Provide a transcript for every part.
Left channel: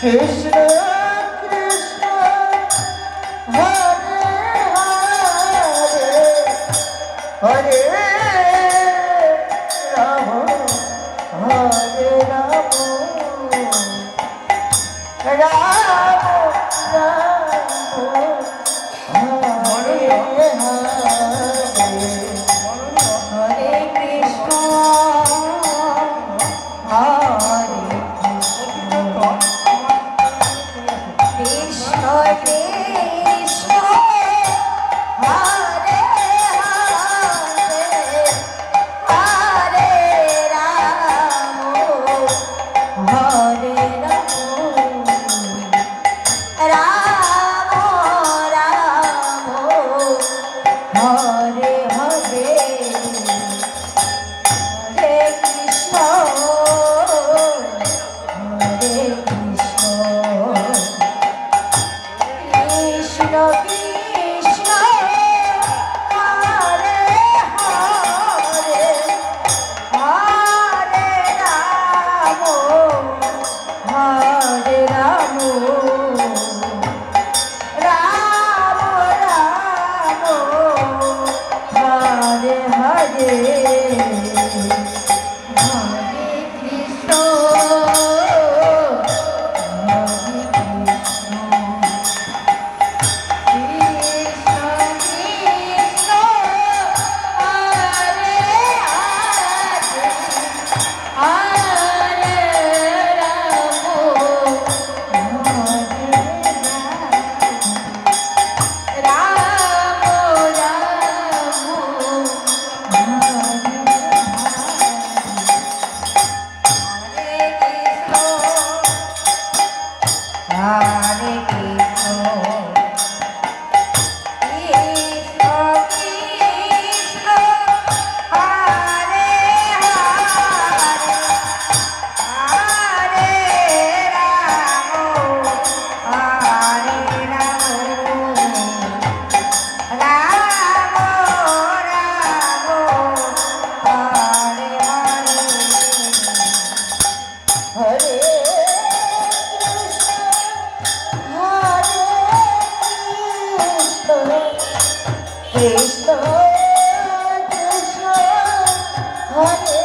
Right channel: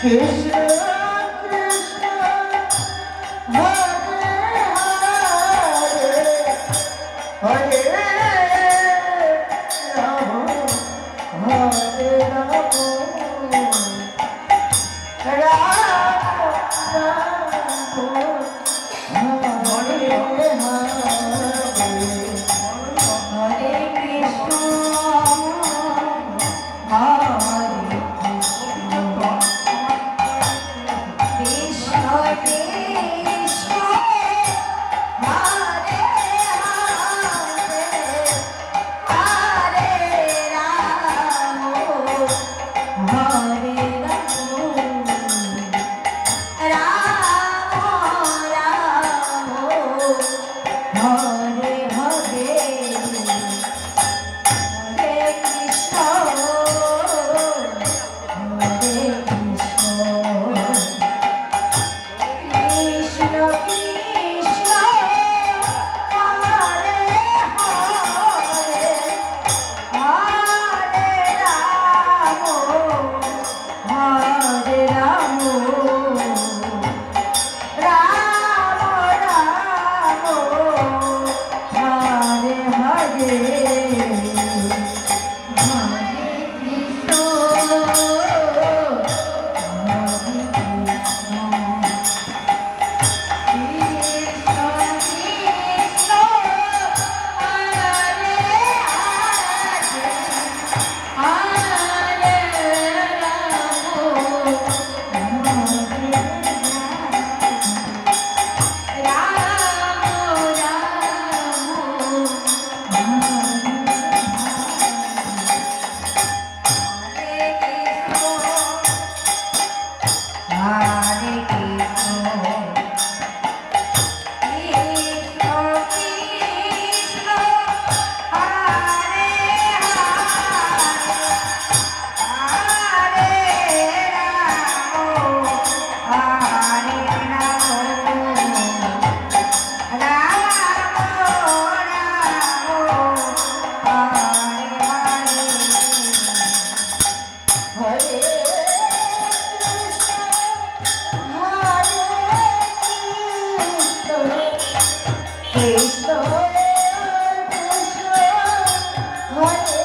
Krishna โอ้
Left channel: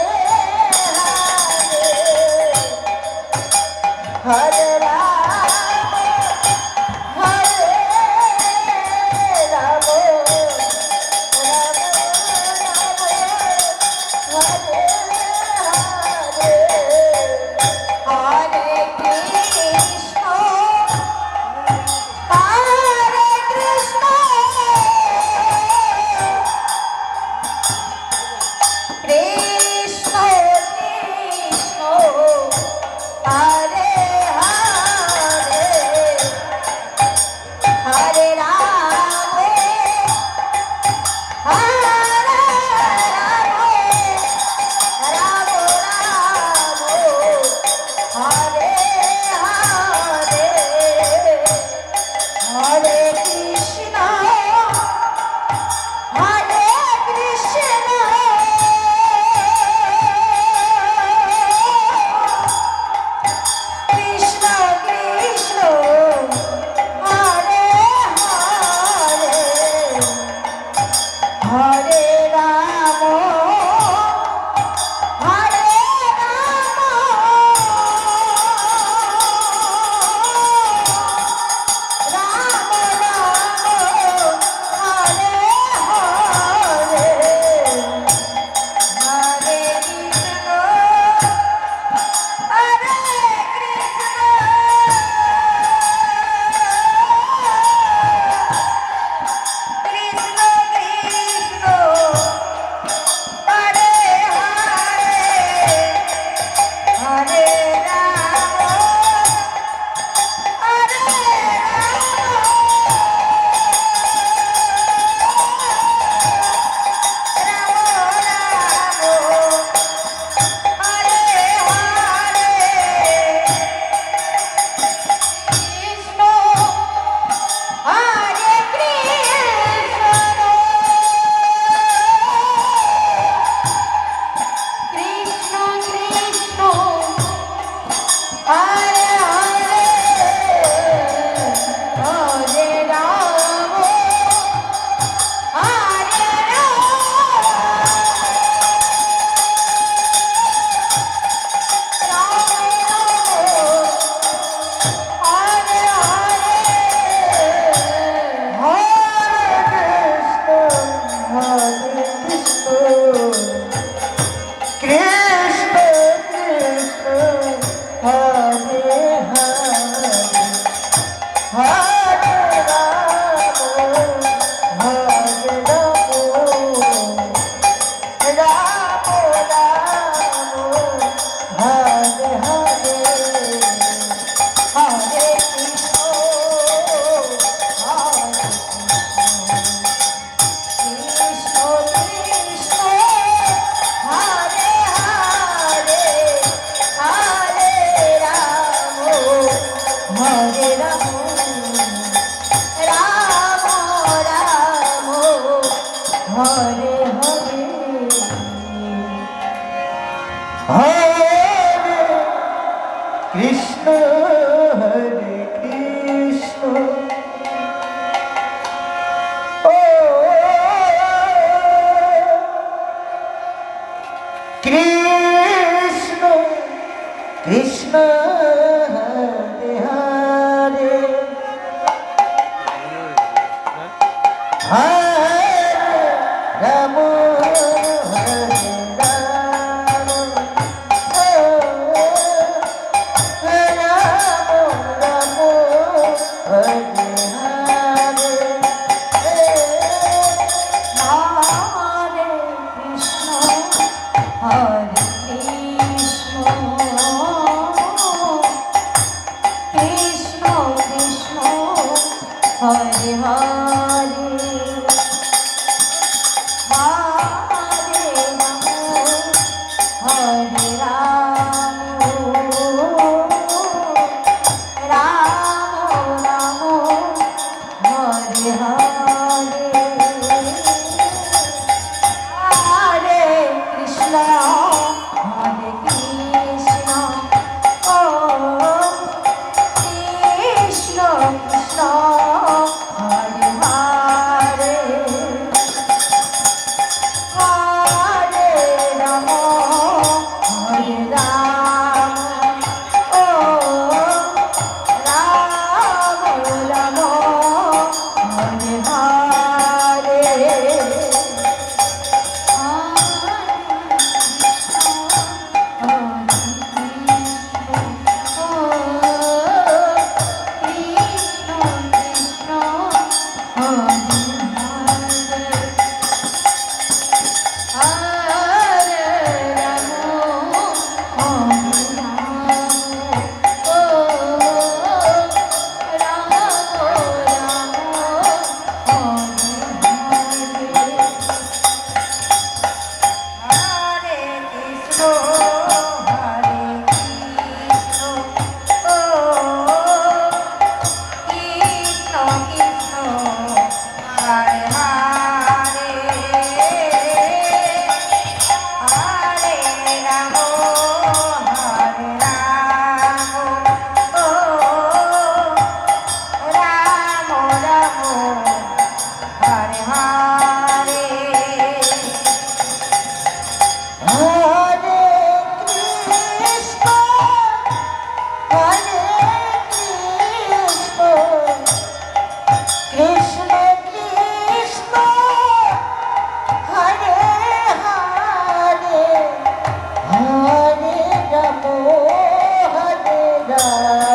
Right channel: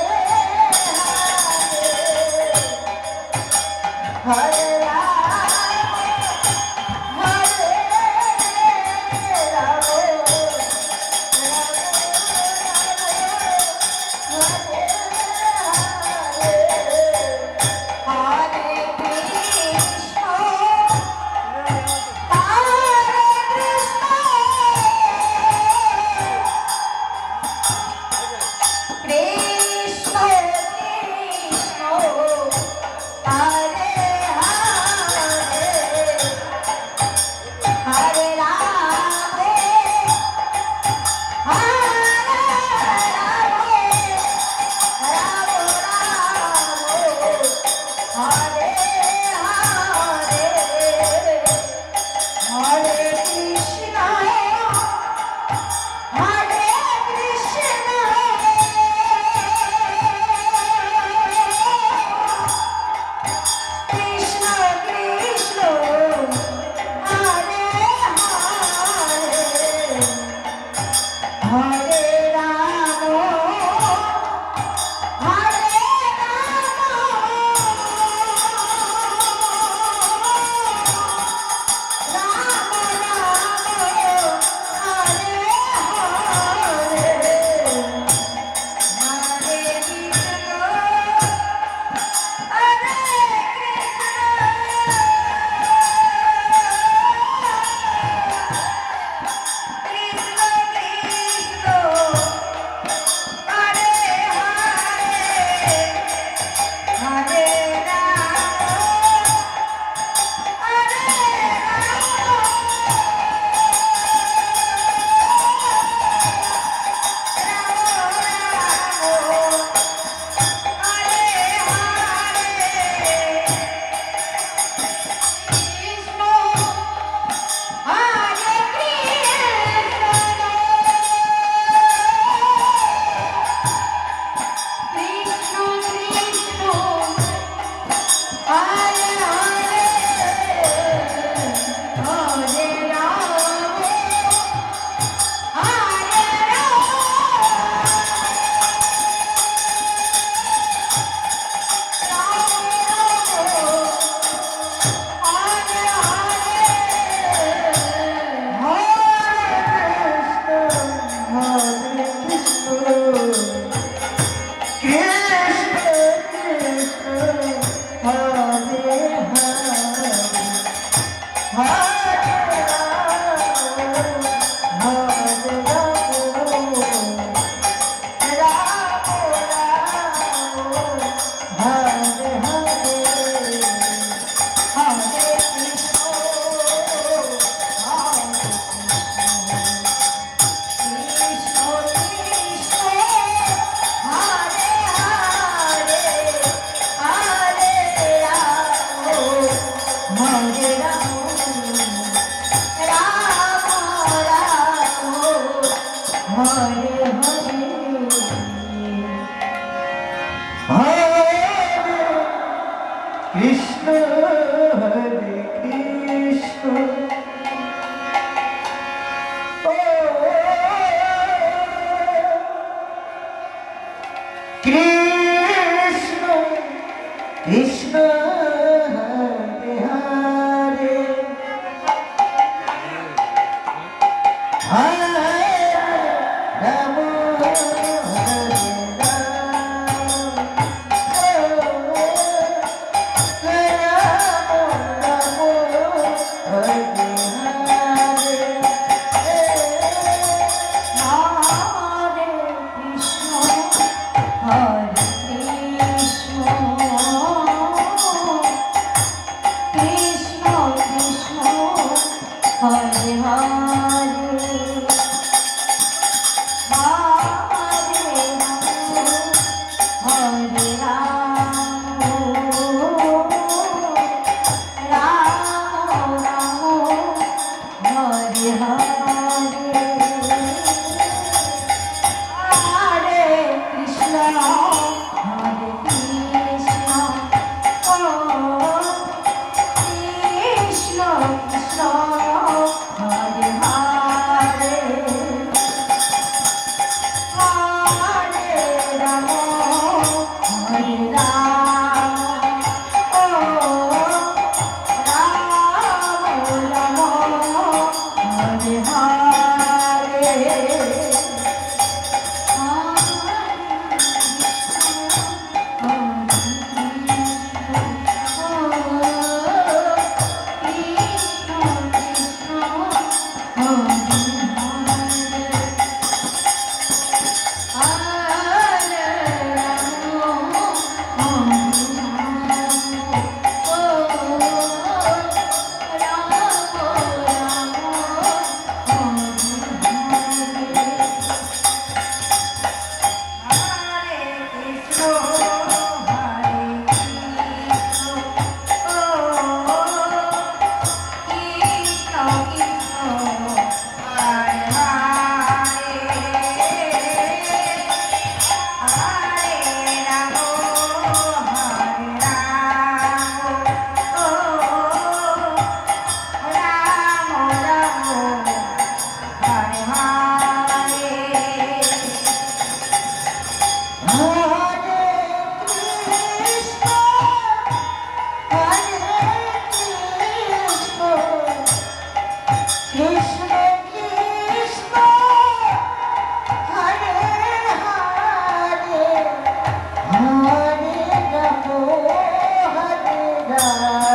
Oh, oh. Oh.